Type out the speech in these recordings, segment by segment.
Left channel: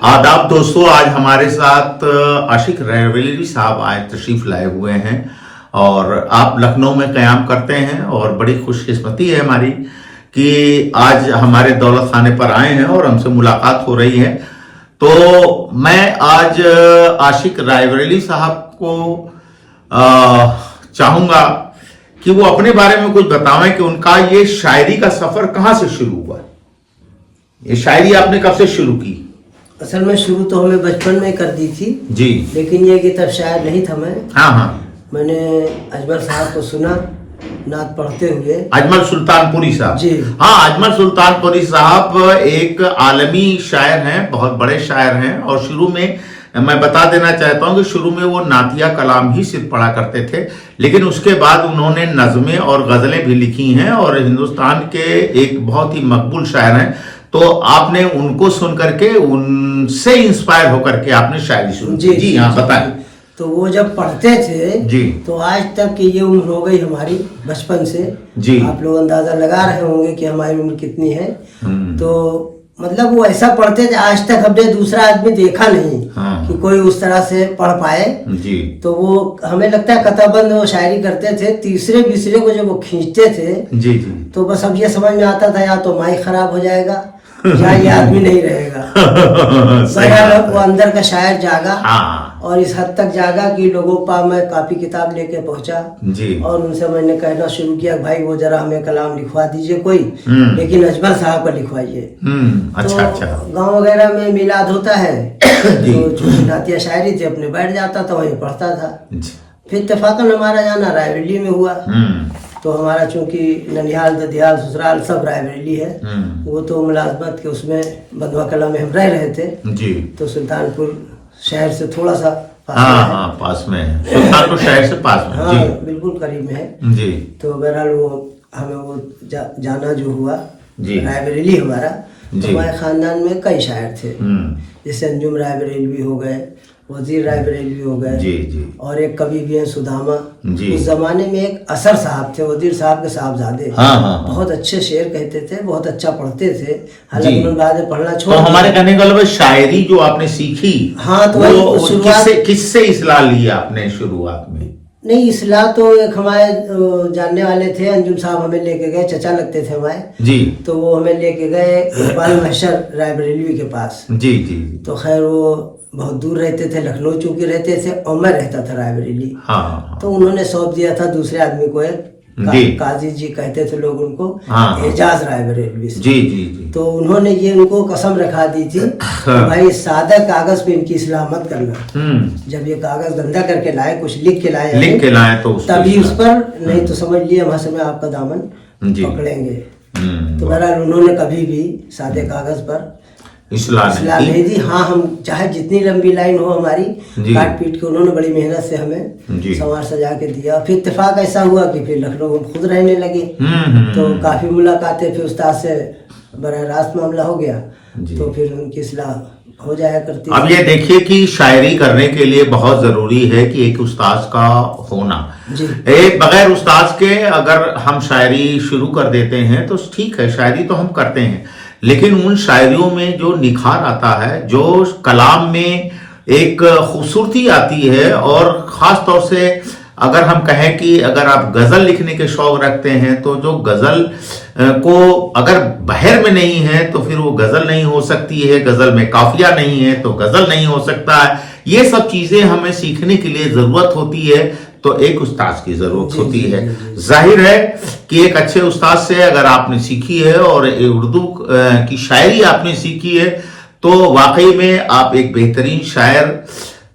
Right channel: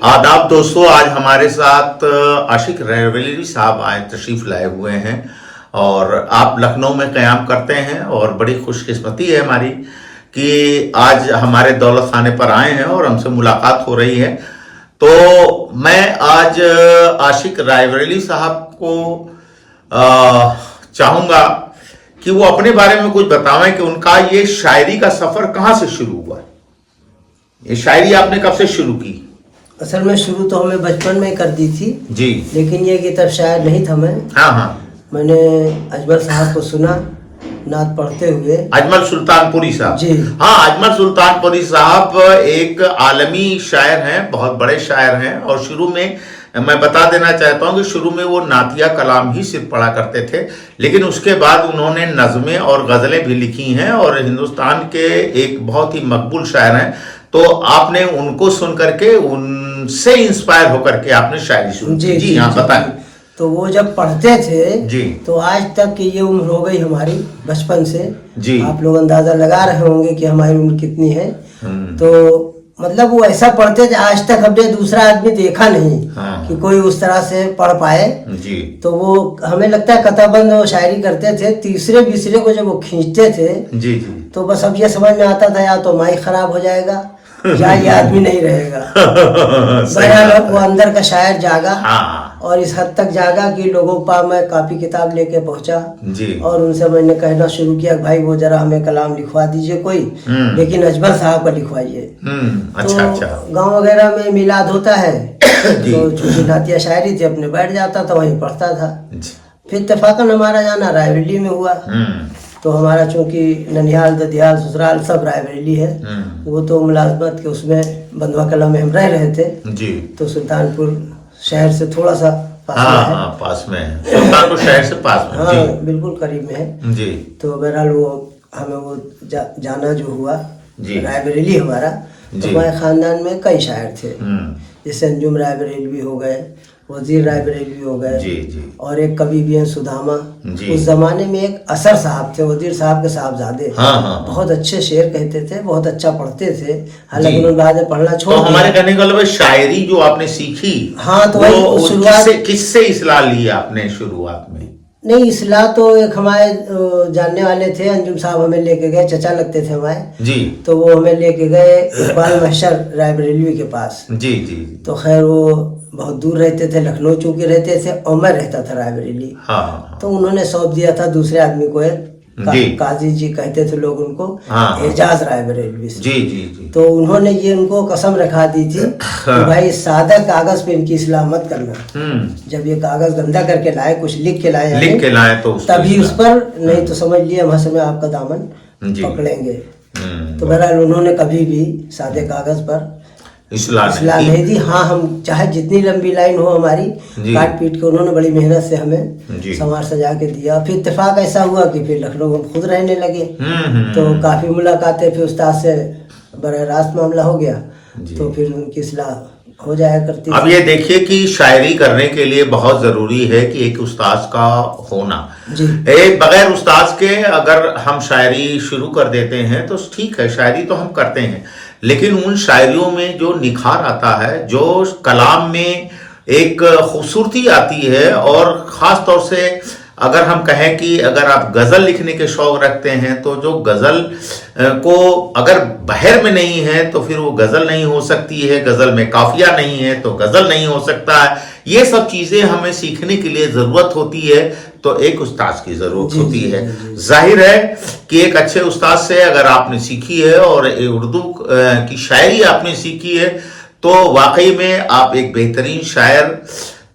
आदाब दोस्तों, आज हमारे साथ आशिक रायबरेली साहब आए तशरीफ लाए हुए हैं और आप लखनऊ में क़याम करते हैं और बड़ी खुशकिस्मती है हमारी कि आज हमारे दौलत खाने पर आए हैं और हमसे मुलाकात हो रही है। तो मैं आज आशिक रायबरेली साहब को चाहूँगा कि वो अपने बारे में कुछ बतावें कि उनका ये शायरी का सफ़र कहाँ से शुरू हुआ। ये शायरी आपने कब से शुरू की? असल में शुरू तो हमें बचपन में ही कर दी थी जी, लेकिन ये कि तब शायद नहीं था मैं। हाँ, मैंने अजमल साहब को सुना नात पढ़ते हुए। अजमल सुल्तानपुरी साहब जी हाँ, अजमल सुल्तानपुरी साहब एक आलमी शायर हैं, बहुत बड़े शायर हैं। और शुरू में मैं बता देना चाहता हूं कि शुरू में वो नातिया कलाम ही सिर्फ पढ़ा करते थे, लेकिन उसके बाद उन्होंने नज़में और गज़लें भी लिखी हैं और हिंदुस्तान के एक बहुत ही मकबूल शायर हैं। तो आपने उनको सुन करके, उनसे इंस्पायर होकर के आपने शायरी शुरू की। जी हाँ, बताएं। तो वो जब पढ़ते थे जी, तो आज तक की ये उम्र हो गई हमारी बचपन से। जी, आप लोग अंदाजा लगा रहे होंगे कि हमारी उम्र कितनी है। तो मतलब वो ऐसा पढ़ते थे, आज तक हमने दूसरा आदमी देखा नहीं कि कोई उस तरह से पढ़ पाए। जी, तो वो हमें लगता है कताबंद वो शायरी करते थे, तीसरे बीसरे को जब वो खींचते थे जी, जी, तो बस अब ये समझ में आता था या तो माइक खराब हो जाएगा या ये आदमी नहीं रहेगा। बहरहाल वो अंदर का शायर जागा और इस हद तक जागा कि लोगों पर मैं कापी किताब लेके पहुंचा जी, और उनसे मैंने कहना शुरू किया भाई वो जरा हमें कलाम लिखवा दीजिए कोई, लेकिन अजमल साहब का लिखवाइए। अच्छा, तो अच्छा। गांव वगैरह में मिलाद होता है तो छोटी नातिया शायरी थी, अपने बैठ जाता था वहीं पढ़ता था। फिर इत्तेफाकन हमारा जाना रायबरेली में हुआ। तो हमारा चूंकि ननिहाल ददियाल ससुराल सब रायबरेली है, वो तो मुलाजमत के उसमें बंधुआ कला में हम रह रहे थे जी। तो सुल्तानपुर शहर से थोड़ा सा पास में है। सुल्तानपुर शहर से पास में। हाँ, जी, बिल्कुल करीब में है जी। तो बहरहाल वो हमें वो जाना जो हुआ जी, रायबरेली हमारा। तो हमारे खानदान में कई शायर थे, जैसे अंजुम रायबरेली हो गए, वजीर रायबरेली हो गए, जी, जी, और एक कवि भी हैं सुदामा। जी। उस जमाने में एक असर साहब थे, वजीर साहब के साहबजादे। बहुत अच्छे शेर कहते थे, बहुत अच्छा पढ़ते थे। हालांकि उन्होंने बाद में पढ़ना छोड़ दिया। तो हमारे कहने का मतलब शायरी जो आपने सीखी, हाँ, तो वो किससे इस्लाह ली आपने शुरुआत में? नहीं, इस्लाह तो एक हमारे जानने वाले थे, अंजुम साहब हमें लेके गए, चचा लगते थे हमारे जी। तो वो हमें लेके गए इकबाल महशर रायबरेली के पास। जी, जी। तो खैर वो बहुत दूर रहते थे, लखनऊ चूंकि रहते थे और मैं रहता था रायबरेली। हाँ। तो उन्होंने सौंप दिया था दूसरे आदमी को, एक काजी जी कहते थे लोग उनको, एजाज रायबरेली। जी, जी, जी। तो उन्होंने ये उनको कसम रखा दी थी कि भाई सादा कागज पे इनकी इस्लाह मत करना। जब ये कागज गंदा करके लाए, कुछ लिख के लाए तो तभी उस पर, नहीं तो समझ लिए हम समय आपका दामन पकड़ेंगे। तो बहरहाल उन्होंने कभी भी सादे कागज पर इस्लाह नहीं दी। हाँ, हम चाहे जितनी लंबी लाइन हो हमारी, काट पीट के उन्होंने बड़ी मेहनत से हमें संवार सजा के दिया। फिर इत्तेफाक ऐसा हुआ कि फिर लखनऊ हम खुद रहने लगे तो काफी मुलाकातें, फिर उस्ताद से बड़ा रास्त मामला हो गया तो फिर उनकी इस्लाह हो जाया करती। अब ये देखिए कि शायरी करने के लिए बहुत जरूरी है कि एक उस्ताद का होना। बगैर उस्ताद के अगर हम शायरी शुरू कर देते हैं तो ठीक है, शायरी तो हम करते हैं, लेकिन उन शायरियों में जो निखार आता है, जो कलाम में एक खूबसूरती आती है, और ख़ास तौर से अगर हम कहें कि अगर आप गज़ल लिखने के शौक़ रखते हैं तो जो गज़ल को अगर बहर में नहीं है तो फिर वो गज़ल नहीं हो सकती है, गज़ल में काफिया नहीं है तो गज़ल नहीं हो सकता है। ये सब चीज़ें हमें सीखने के लिए ज़रूरत होती है, तो एक उस्ताद की ज़रूरत होती है। जाहिर है कि एक अच्छे उस्ताद से अगर आपने सीखी है और उर्दू की शायरी आपने सीखी है तो वाकई में आप एक बेहतरीन शायर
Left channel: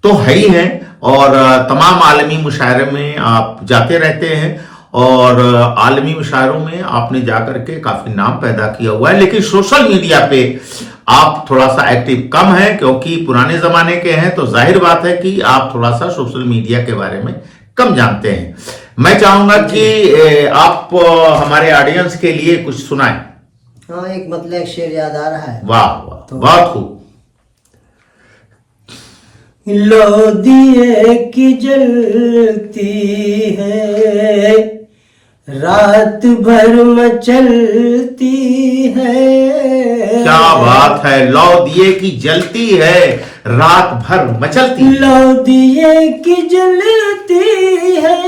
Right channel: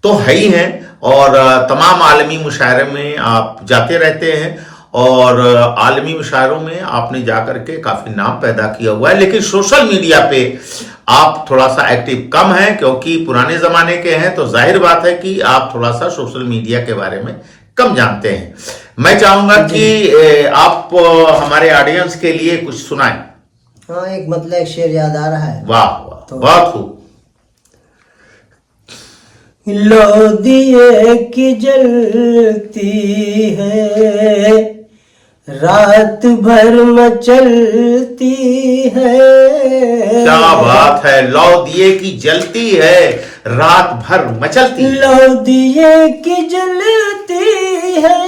तो है ही हैं, और तमाम आलमी मुशायरे में आप जाते रहते हैं और आलमी मुशायरों में आपने जाकर के काफ़ी नाम पैदा किया हुआ है। लेकिन सोशल मीडिया पे आप थोड़ा सा एक्टिव कम हैं क्योंकि पुराने ज़माने के हैं, तो जाहिर बात है कि आप थोड़ा सा सोशल मीडिया के बारे में कम जानते हैं। मैं चाहूँगा कि आप हमारे ऑडियंस के लिए कुछ सुनाएं। हाँ, एक मतलब शेर याद आ रहा है। वाह वाह, तो बहुत खूब। लो दिए की जलती है रात भर मचलती है। क्या बात है, लौ दिए की जलती है, रात भर मचलती, लौ दिए की जलती है,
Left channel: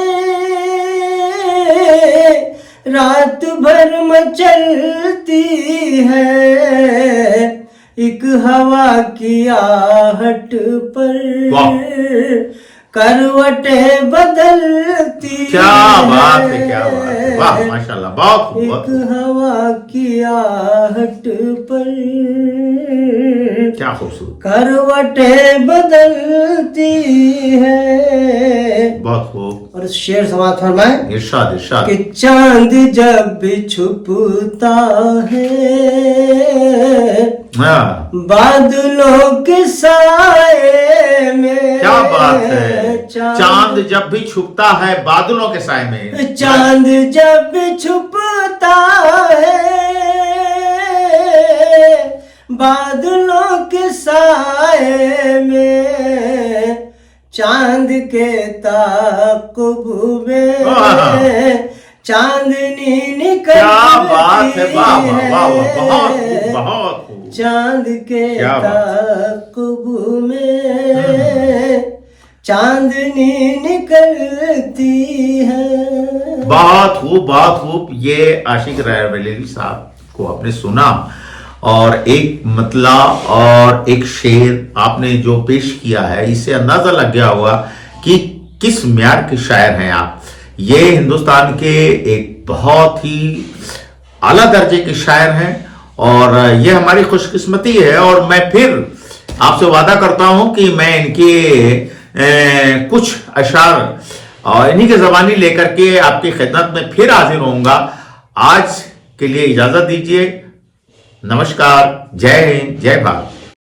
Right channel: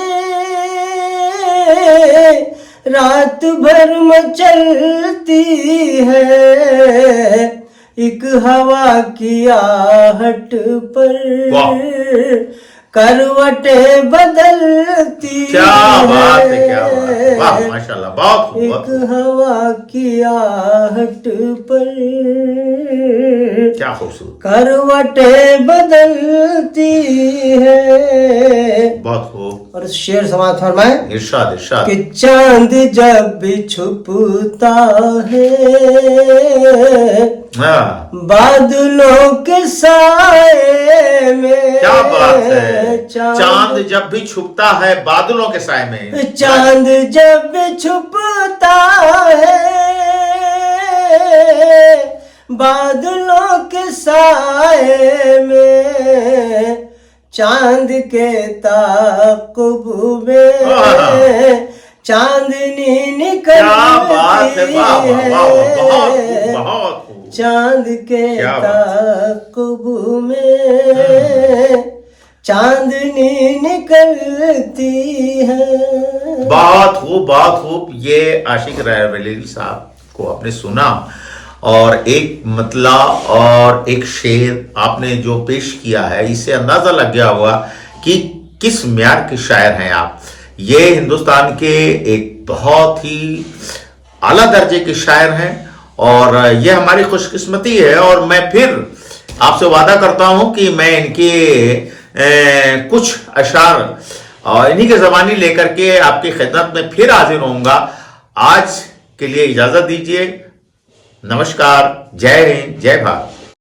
रात भर मचलती है, एक हवा की आहट पर करवटे बदलती। क्या बात है, क्या बात है, वाह माशाल्लाह, बहुत एक हवा की आहट पर क्या खूबसूरत, करवटे बदलती है। बहुत खूब। और शेर समाज फरमाए, इरशाद इरशाद। कि चांद जब भी छुपता है बादलों के साए में। क्या बात है, चांद जब भी छुपता है बादलों के साए में, चांद जब भी छुपता है बादलों के साए में, चांद के ताक़ुब में चांदनी निकलती है। क्या बात है, वाह वाह वाह, बहुत खूब, बहुत खूब। चांद के ताक़ुब में चांदनी निकलती है। बहुत खूब, बहुत खूब। ये आशिक रायबरेली साहब को आपने सुना, और एक मतला और एक शेर आपने जो पेश किया है, इससे अंदाजा लग गया होगा कि किस म्यार के शायर हैं आप। ये हिंदुस्तान के एक बहुत ही आला दर्जे के शायर हैं, और ये हमारी खुशकिस्मती है। और मैं फिर आपसे वादा करता हूं कि मैं इनके कुछ अशार और इन्हीं के ज़बानी लेकर के आपकी खिदमत में फिर हाजिर होऊंगा। आज के लिए इजाजत दीजिए। नमस्कार, जय हिंद, जय भारत।